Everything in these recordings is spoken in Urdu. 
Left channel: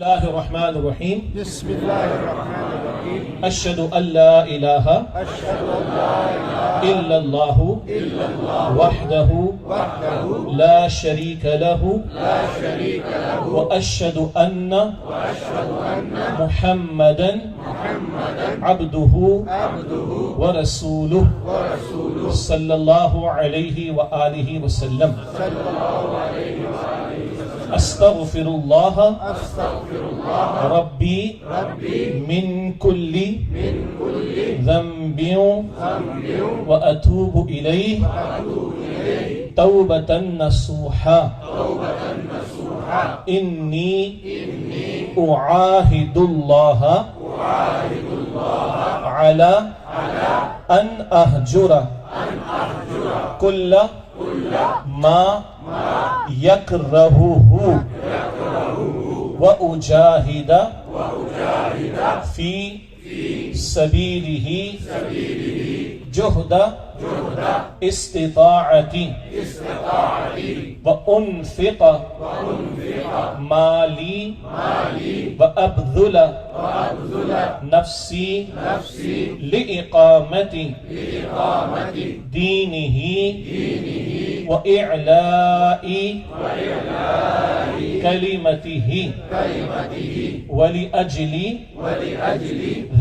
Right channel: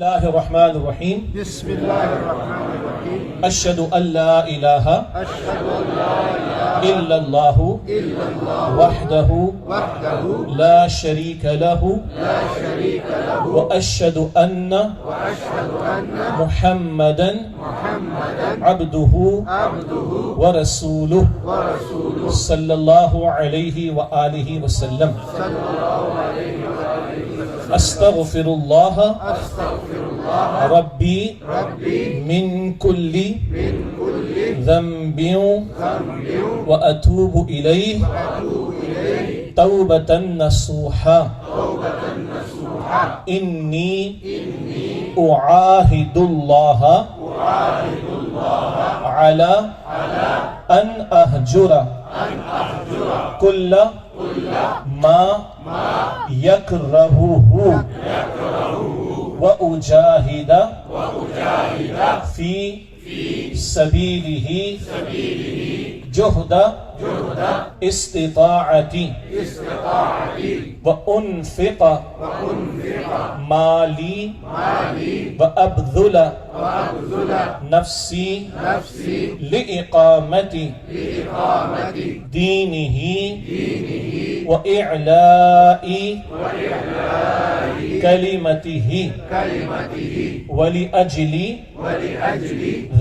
الله الرحمن الرحيم بسم الله الرحمن الرحيم أشهد أن لا إله أشهد أن لا إله إلا الله وحده لا شريك له وأشهد أن محمدا عبده ورسوله صلى الله عليه وآله وسلم أستغفر الله ربي من كل ذنب وأتوب إليه توبة نصوحا إني أعاهد الله على أن أهجر كل ما يكرهه وأجاهد في سبيله جهد استطاعتي وأنفق مالي وأبذل نفسي لإقامة دينه وإعلاء كلمته ولأجل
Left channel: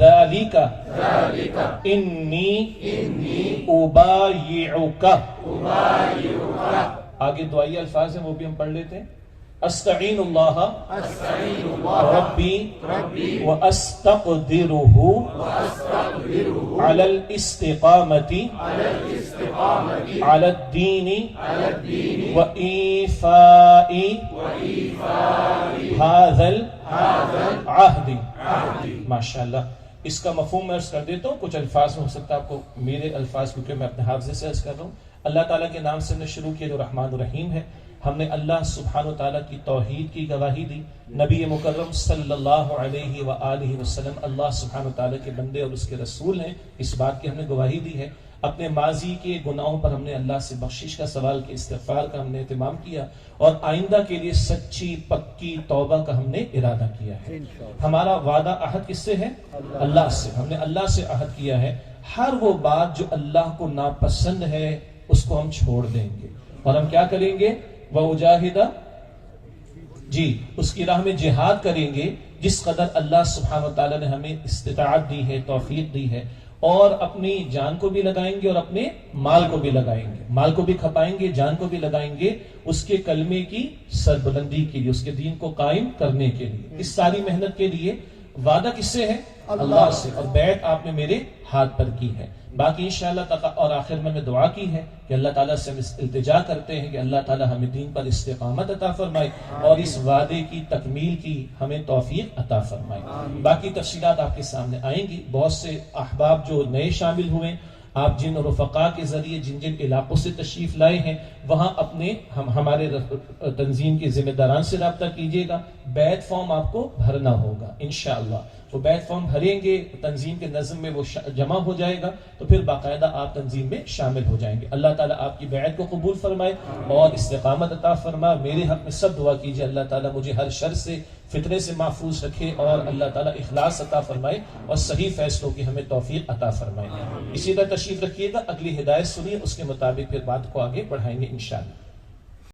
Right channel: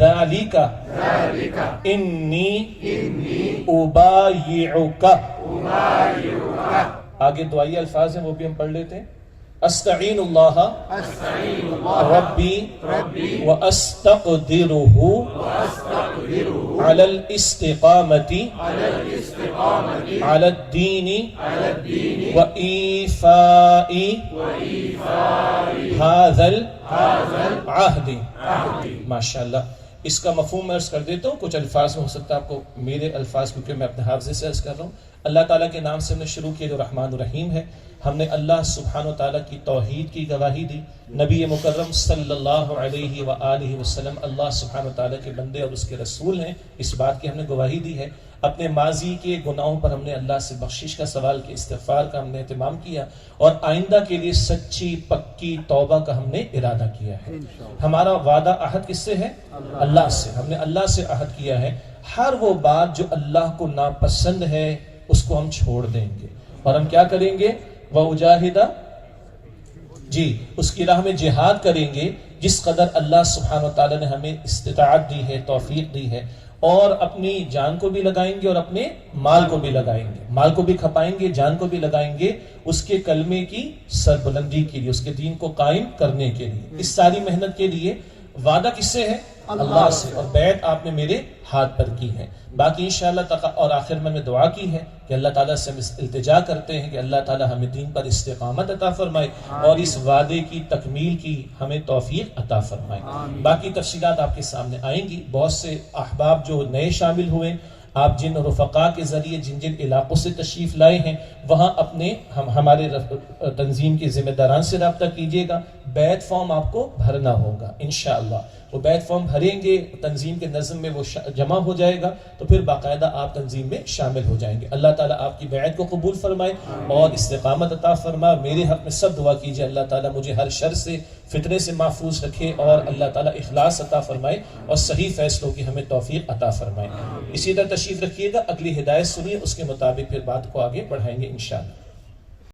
ذلك إني أبايعك آگے دعائی الفاظ ہیں وہ بھی ہم پڑھ لیتے ہیں. استعین اللہ ربی واستقدرہ علی الاستقامة علی الدین وإیفاء هذا العہد. ماشاءاللہ. اس کا مفہوم میں عرض کر دیتا ہوں. کچھ الفاظ میں ہو سکتا ہے آپ کو میرے الفاظ کیونکہ میں اپنے حافظے سے عرض کر رہا ہوں. اللہ تعالیٰ کے نام سے میں شروع کیا جو رحمان الرحیم ہے. ہم نے اللہ سبحانہ وتعالیٰ کی توحید کی گواہی دی. نبی مکرم صلی اللہ علیہ وآلہ وسلم اللہ سبحانہ وتعالیٰ کے بندے اور اس کے رسول ہیں. اس بات کی ہم نے گواہی دی ہے. اپنے ماضی کے گناہوں پر ہم نے اللہ سے بخشش کا سوال کیا, استغفار کا ہم نے اہتمام کیا, اور آئندہ کے لیے سچی پکی توبہ کا ہم نے ارادہ کیا ہے. ہمارا وعدہ عہد کس سے ہے؟ اللہ سے. ہم نے اللہ سے عہد کیا ہے ہر وہ بات جو اللہ کو ناپسند ہے اس کو ہم چھوڑ دیں گے, اور ہم کیا کریں گے؟ وَأُجَاهِدَ, جی اس کی راہ میں جہاد کریں گے جس قدر اللہ سبحانہ وتعالیٰ نے ہمیں استطاعت دی ہے, توفیق دی ہے, اور اپنی جان کو بھی لگائیں گے اور اپنے مال کو بھی لگائیں گے. مال کو بھی کھپائیں گے, جان کو بھی لگائیں گے اس کے کلمے کی سربلندی کے لیے, اس کے دین کو قائم کرنے کے لیے. اس ساری محنت کے لیے وعدہ کس سے ہے؟ اللہ سے. اور بیعت آپ نے میرے ہاتھ پر کی ہے. باقی انشاءاللہ اور آخر میں دعا کی ہے کہ اللہ تعالیٰ سے ہم التجا کرتے ہیں کہ اللہ تعالیٰ ہمیں دین پر استقامت عطا فرمائے اور اس وعدے کی تکمیل کی ہمیں توفیق عطا فرمائے. باقی تفصیلات آپ کے سامنے آئیں گی. بہت سے احباب جو نئے شامل ہوئے, آپ جن رفقا کے ذریعے جن علاقوں سے تشریف لائے ہیں وہاں اپنے ہمارے تنظیم کے ذمہ داران سے رابطہ کیجیے گا. بیعت فارم آپ کو بھرنا ہوگا انشاءاللہ. وہ بیعت فارم بھریں گے, تنظیم کے نظم میں وہ جمع ہو جائے گا, تو پھر باقاعدہ آپ تنظیم میں شامل ہو جائیں گے. اللہ تعالیٰ آپ کی بیعت کو قبول فرمائے اور استقامت عطا فرمائے. میرے حق میں سب دعا کیجیے اللہ تعالیٰ مجھے ہر شر سے, فتنے سے محفوظ رکھے, اور اللہ تعالیٰ اخلاص عطا فرمائے اور صحیح فیصلوں کی ہمیں توفیق عطا فرمائے. اسی طرح تشریف رکھیے گا, اگلی ہدایت سنیے, اس کے مطابق پھر بات کو آگے بڑھائیں گے انشاءاللہ.